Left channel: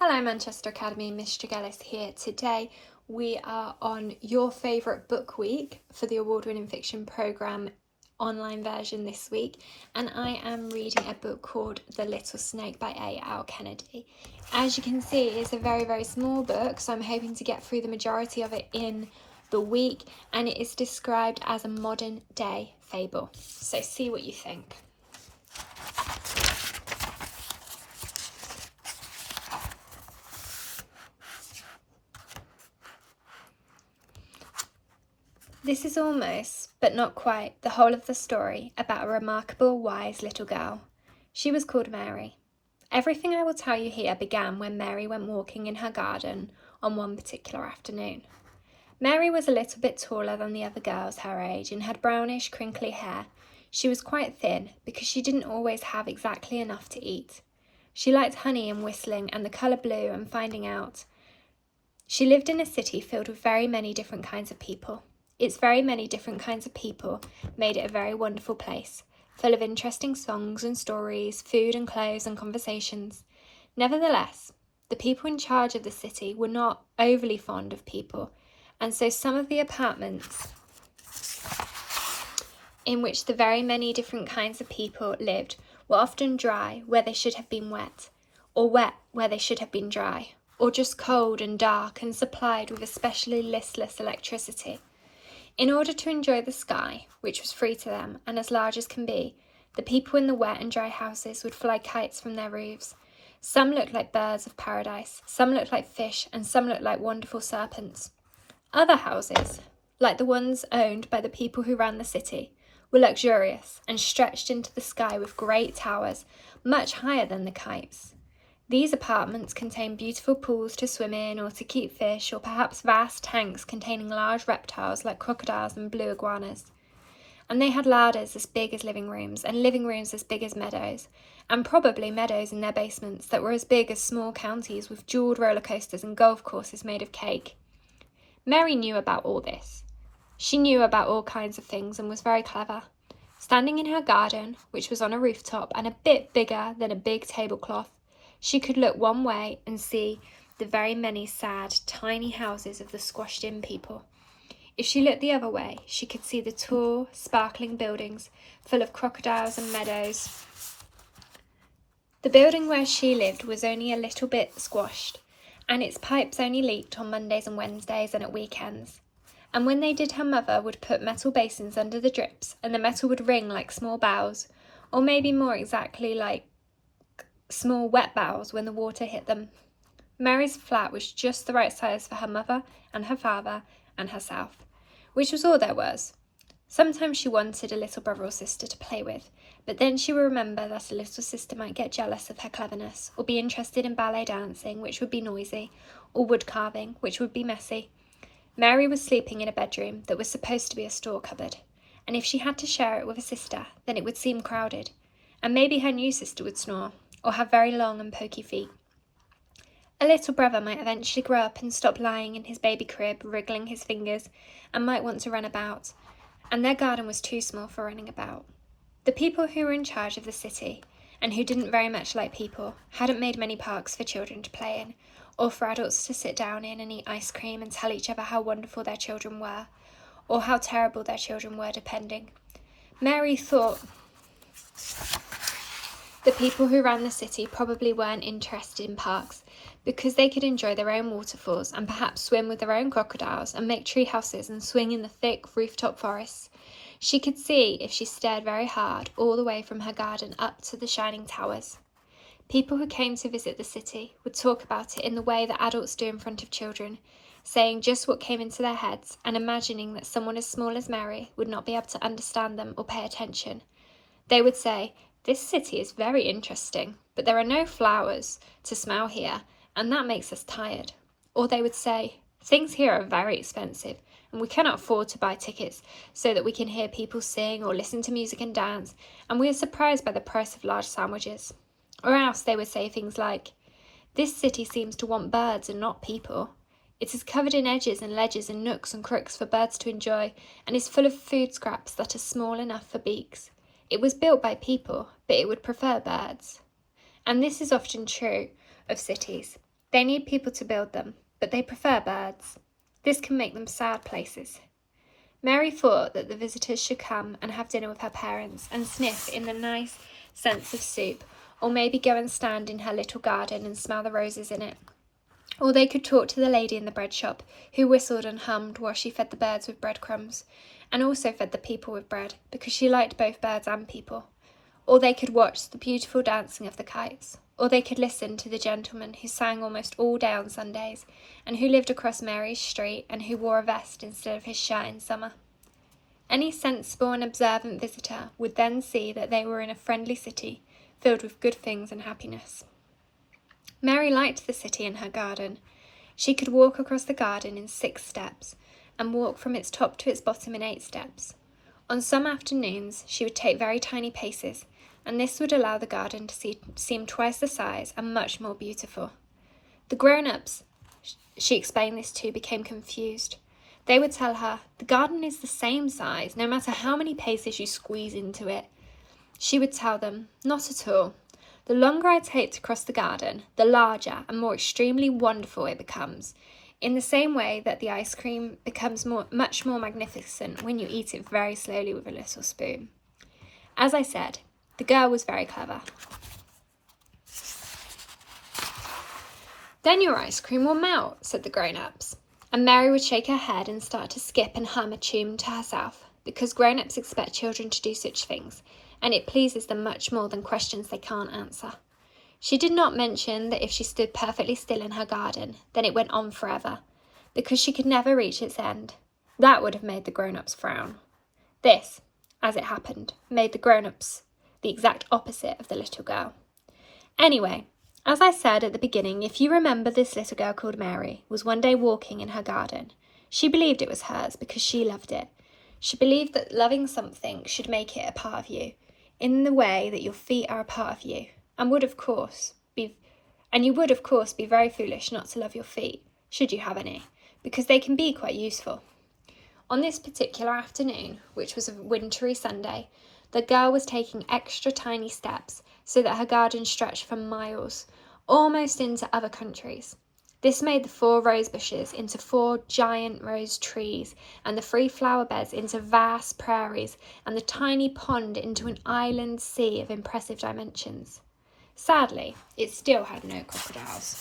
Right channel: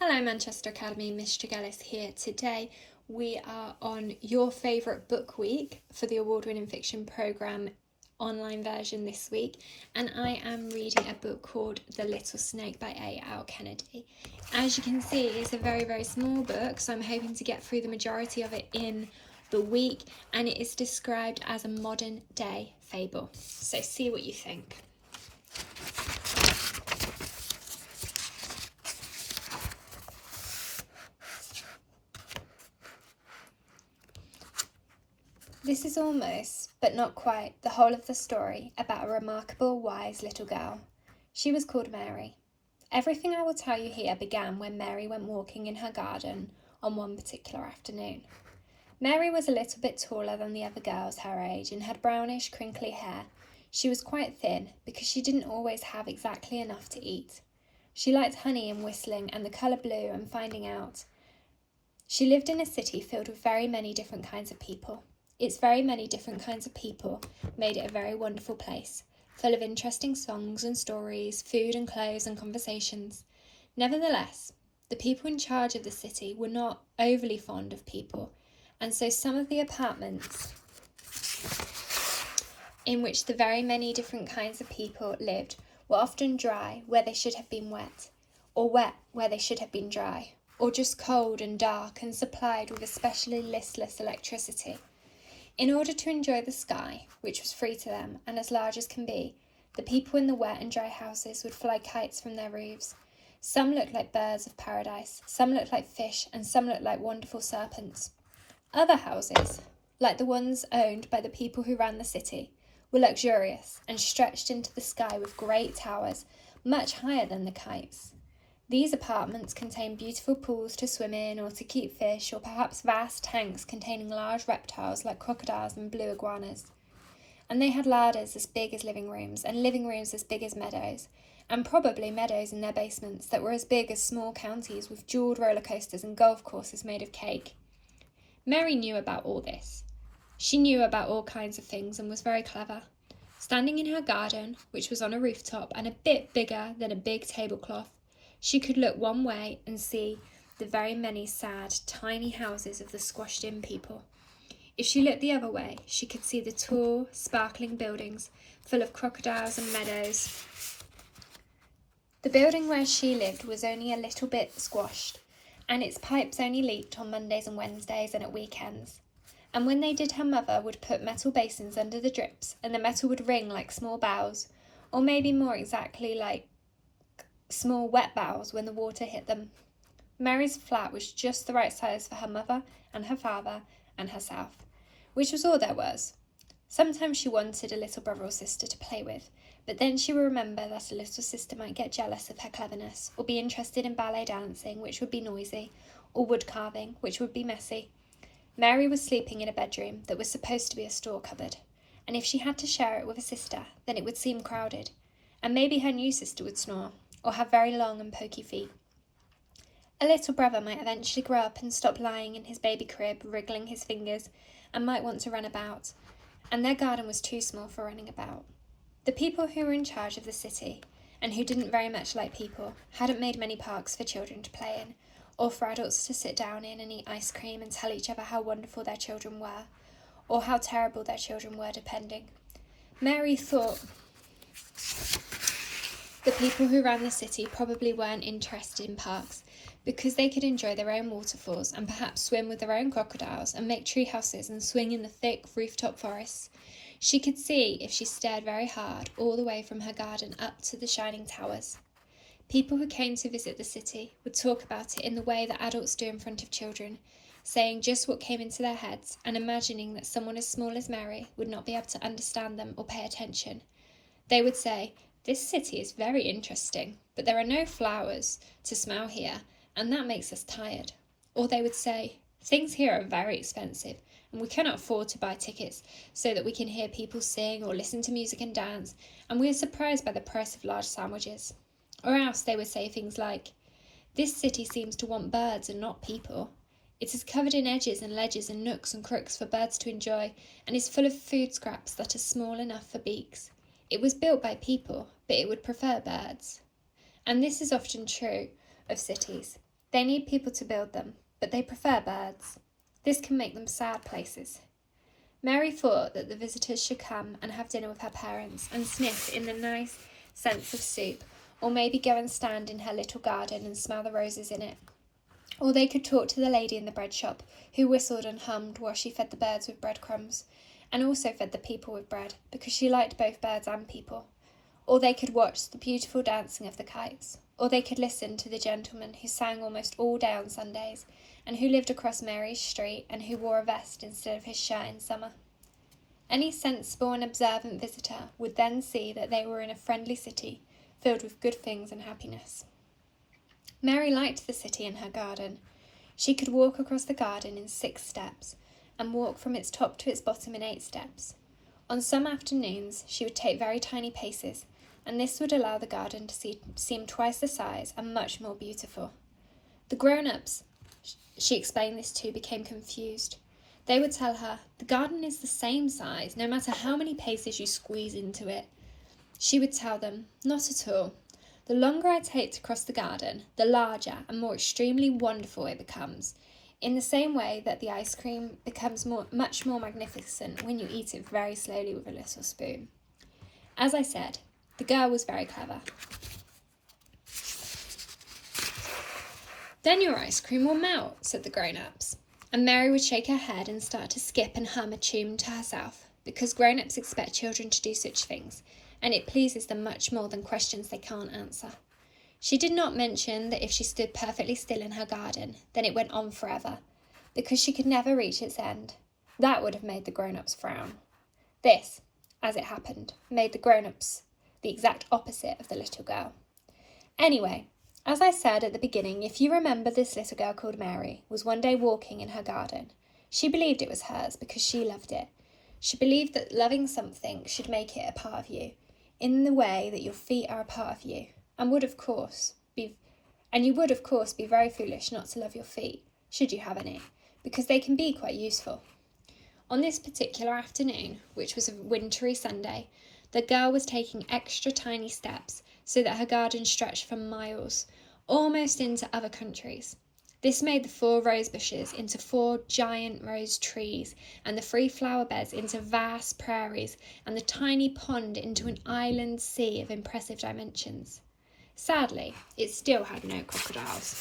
Hello Manchester Academy, Miss Tregelles here. Today we are on your favourite book week for the award-winning fiction programme online version this week, and I am reading a book called The Little Snake by A.L. Kennedy. As you can see, it's a very small book, so I'm hoping to get through the majority of it in the week, and it is described as a modern day fable. So see what you think. This is almost, but not quite, the whole of the story about a remarkable, wise little girl. She was called Mary. Everything I will tell you here began when Mary went walking in her garden on one particular afternoon. Mary was a little bit taller than the other girls her age and had brownish, crinkly hair. She was quite thin because she didn't always have exactly enough to eat. She liked honey and whistling and the colour blue and finding out. She lived in a city filled with very many different kinds of people. Its very many different kinds of people made it a very wonderful place, full of interesting songs and stories, food and clothes and conversations. Nevertheless, the people in charge of the city were not overly fond of people, and so some of the apartments in which the very many different kinds of people lived were often dry where they should have been wet, or wet where they should have been dry, or just cold and dark and supplied with especially listless electricity. In order to enjoy the sky, which was free to them and as large as can be, the people in the wet and dry houses would fly kites from their roofs. Some looked like birds of paradise, some looked like fish, and some looked like wonderful serpents. Other houses, like the ones owned by the people who ran the city, were luxurious and stretched into the sky with great towers, much higher than the kites. These apartments contained beautiful pools to swim in or to keep fish, or perhaps vast tanks containing large reptiles like crocodiles and blue iguanas. And they had larders as big as living rooms, and living rooms as big as meadows, and probably meadows in their basements that were as big as small counties with jewelled roller coasters and golf courses made of cake. Mary knew about all this. She knew about all kinds of things and was very clever. Standing in her garden, which was on a rooftop and a bit bigger than a big tablecloth, she could look one way and see the very many sad, tiny houses of the squashed-in people. If she looked the other way, she could see the tall, sparkling buildings full of crocodiles and meadows. The building where she lived was only a little bit squashed, and its pipes only leaked on Mondays and Wednesdays and at weekends. And when they did, her mother would put metal basins under the drips, and the metal would ring like small bells, or maybe more exactly like small wet bowels when the water hit them. Mary's flat was just the right size for her mother and her father and herself, which was all there was. Sometimes she wanted a little brother or sister to play with, but then she would remember that a little sister might get jealous of her cleverness, or be interested in ballet dancing, which would be noisy, or wood carving, which would be messy. Mary was sleeping in a bedroom that was supposed to be a store cupboard, and if she had to share it with a sister, then it would seem crowded, and maybe her new sister would snore, or have very long and pokey feet. A little brother might eventually grow up and stop lying in his baby crib, wriggling his fingers, and might want to run about, and their garden was too small for running about. The people who were in charge of the city, and who didn't very much like people, hadn't made many parks for children to play in, or for adults to sit down in and eat ice cream and tell each other how wonderful their children were, or how terrible their children were, depending. Mary thought the people who ran the city probably weren't interested in parks because they could enjoy their own waterfalls and perhaps swim with their own crocodiles and make tree houses and swing in the thick rooftop forests. She could see, if she stared very hard, all the way from her garden up to the shining towers. People who came to visit the city would talk about it in the way that adults do in front of children, saying just what came into their heads and imagining that someone as small as Mary would not be able to understand them or pay attention. They would say, "This city is very interesting, but there are no flowers to smell here, and that makes us tired." Or they would say, "Things here are very expensive, and we cannot afford to buy tickets so that we can hear people sing or listen to music and dance, and we are surprised by the price of large sandwiches." Or else they would say things like, "This city seems to want birds and not people. It is covered in edges and ledges and nooks and crooks for birds to enjoy, and is full of food scraps that are small enough for beaks. It was built by people, but it would prefer birds." And this is often true of cities. They need people to build them, but they prefer birds. This can make them sad places. Mary thought that the visitors should come and have dinner with her parents and sniff in the nice scents of soup, or maybe go and stand in her little garden and smell the roses in it. Or they could talk to the lady in the bread shop, who whistled and hummed while she fed the birds with breadcrumbs, and also fed the people with bread, because she liked both birds and people. Or they could watch the beautiful dancing of the kites. Or they could listen to the gentleman who sang almost all day on Sundays, and who lived across Mary's street, and who wore a vest instead of his shirt in summer. Any sensible and observant visitor would then see that they were in a friendly city, filled with good things and happiness. Mary liked the city and her garden. She could walk across the garden in 6 steps, and walk from its top to its bottom in 8 steps. On some afternoons she would take very tiny paces, and this would allow the garden to seem twice the size and much more beautiful. The grown-ups she explained this to became confused. They would tell her, the garden is the same size, no matter how many paces you squeeze into it. She would tell them, not at all. The longer I take to cross the garden, the larger and more extremely wonderful it becomes, in the same way that the ice cream becomes much more magnificent when you eat it very slowly with a little spoon. As I said, the girl was very clever. Then your ice cream will melt, said the grown-ups. And Mary would shake her head and start to skip and hum a tune to herself, because grown-ups expect children to do such things, and it pleases them much more than questions they can't answer. She did not mention that if she stood perfectly still in her garden, then it went on forever, because she could never reach its end. That would have made the grown-ups frown. This, as it happened, made the grown-ups the exact opposite of the little girl. Anyway, as I said at the beginning, if you remember, this little girl called Mary was one day walking in her garden. She believed it was hers because she loved it. She believed that loving something should make it a part of you, in the way that your feet are a part of you, and you would of course be very foolish not to love your feet, should you have any, because they can be quite useful. On this particular afternoon, which was a wintry Sunday, the girl was taking extra tiny steps so that her garden stretched for miles, almost into other countries. This made the 4 rose bushes into 4 giant rose trees, and the 3 flower beds into vast prairies, and the tiny pond into an island sea of impressive dimensions. Sadly, it still had no crocodiles.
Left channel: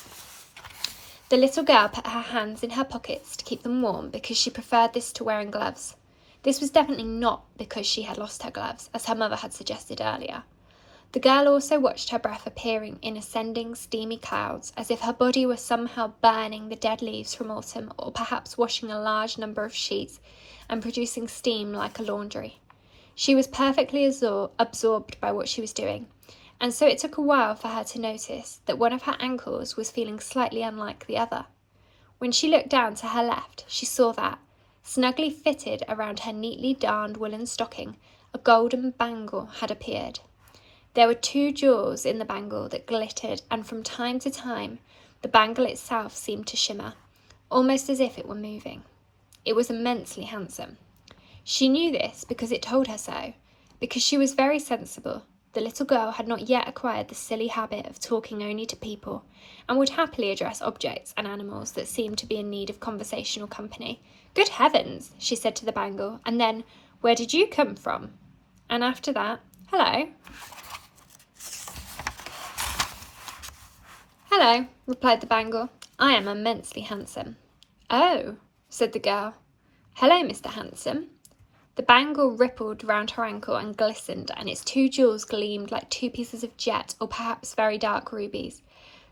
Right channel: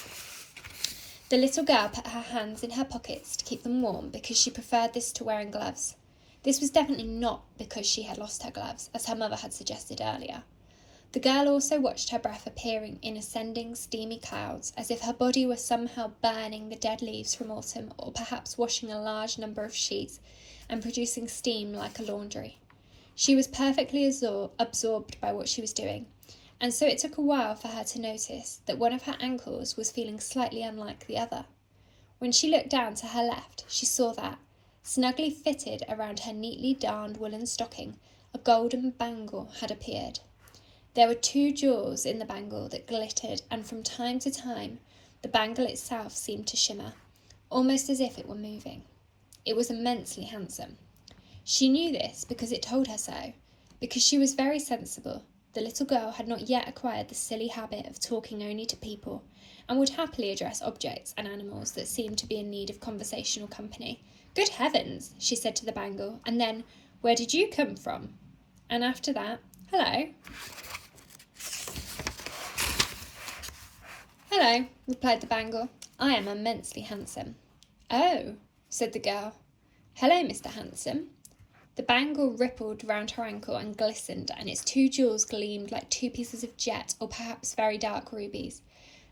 The little girl put her hands in her pockets to keep them warm because she preferred this to wearing gloves. This was definitely not because she had lost her gloves, as her mother had suggested earlier. The girl also watched her breath appearing in ascending steamy clouds, as if her body were somehow burning the dead leaves from autumn, or perhaps washing a large number of sheets and producing steam like a laundry. She was perfectly absorbed by what she was doing, and so it took a while for her to notice that one of her ankles was feeling slightly unlike the other. When she looked down to her left, she saw that, snugly fitted around her neatly darned woolen stocking, a golden bangle had appeared. There were 2 jewels in the bangle that glittered, and from time to time the bangle itself seemed to shimmer, almost as if it were moving. It was immensely handsome. She knew this because it told her so, because she was very sensible. The little girl had not yet acquired the silly habit of talking only to people, and would happily address objects and animals that seemed to be in need of conversational company. "Good heavens," she said to the bangle, and then, "Where did you come from?" And after that, "Hello." "Hello," replied the bangle. "I am immensely handsome." "Oh," said the girl. "Hello, Mr. Handsome." The bangle rippled round her ankle and glistened, and its 2 jewels gleamed like 2 pieces of jet, or perhaps very dark rubies.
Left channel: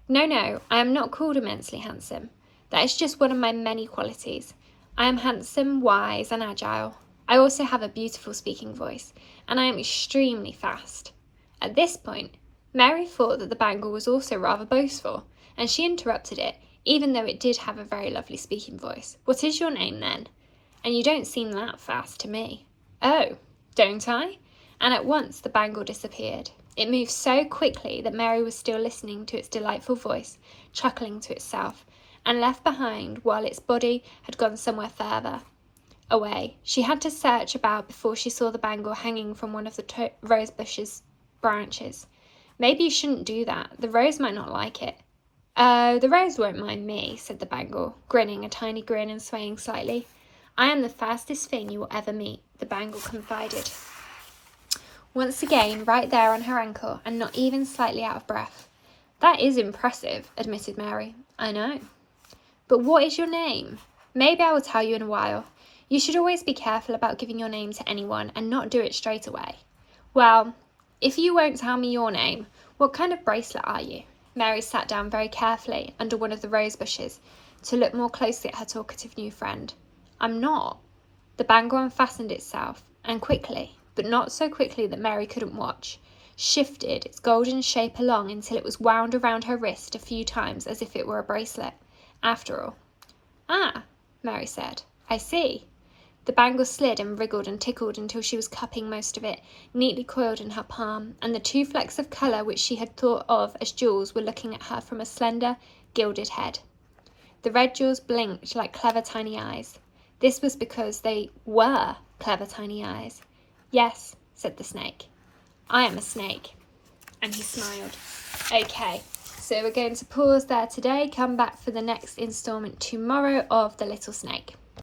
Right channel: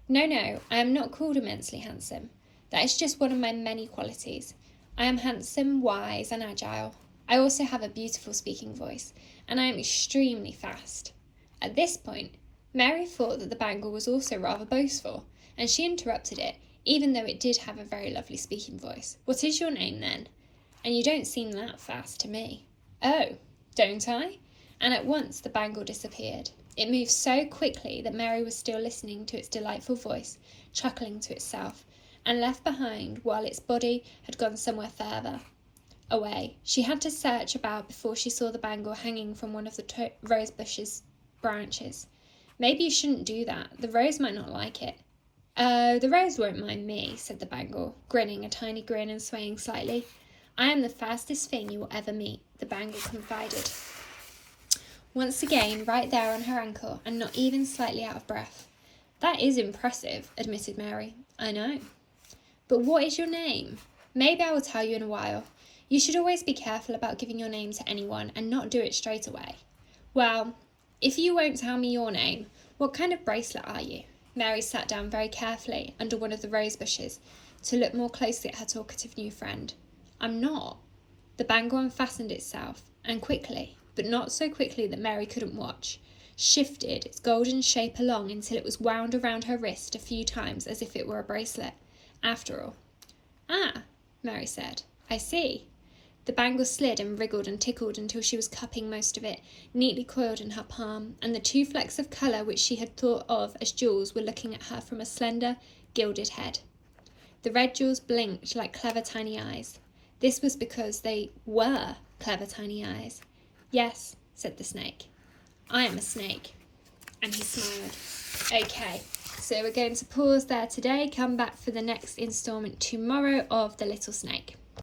No, I am not called immensely handsome. That is just one of my many qualities. I am handsome, wise, and agile. I also have a beautiful speaking voice, and I am extremely fast." At this point, Mary thought that the bangle was also rather boastful, and she interrupted it, even though it did have a very lovely speaking voice. "What is your name, then? And you don't seem that fast to me." "Oh, don't I?" And at once the bangle disappeared. It moved so quickly that Mary was still listening to its delightful voice, chuckling to itself, and left behind while its body had gone somewhere further away. She had to search about before she saw the bangle hanging from one of the rose bush's branches. Maybe you shouldn't do that. The rose might not like it. Oh, the rose won't mind me, said the bangle, grinning a tiny grin and swaying slightly. I am the fastest thing you will ever meet, the bangle confided. Once again, right there on her ankle, and not even slightly out of breath. That is impressive, admitted Mary. I know. But what is your name? Maybe I will tell you in a while. You should always be careful about giving your name to anyone and not do it straight away. Well, if you won't tell me your name, what kind of bracelet are you? Mary sat down very carefully under one of the rose bushes to look more closely at her talkative new friend. I'm not. The bangle unfastened itself, and quickly, but not so quickly that Mary couldn't watch, shifted its golden shape along until it was wound around her wrist a few times as if it were a bracelet, after all. Ah, Mary said, I see. The bangle slid and wriggled and tickled until she was cupping most of it, neatly coiled in her palm, and the two flecks of colour which she had thought of as jewels were looking at her from a slender, gilded head. The red jewels blinked like clever tiny eyes. This was because they were clever tiny eyes. Yes, said the snake. I am a snake. And he smiled. Okay, so we're going to pause there today, come back for the next instalment tomorrow of The Little Snake.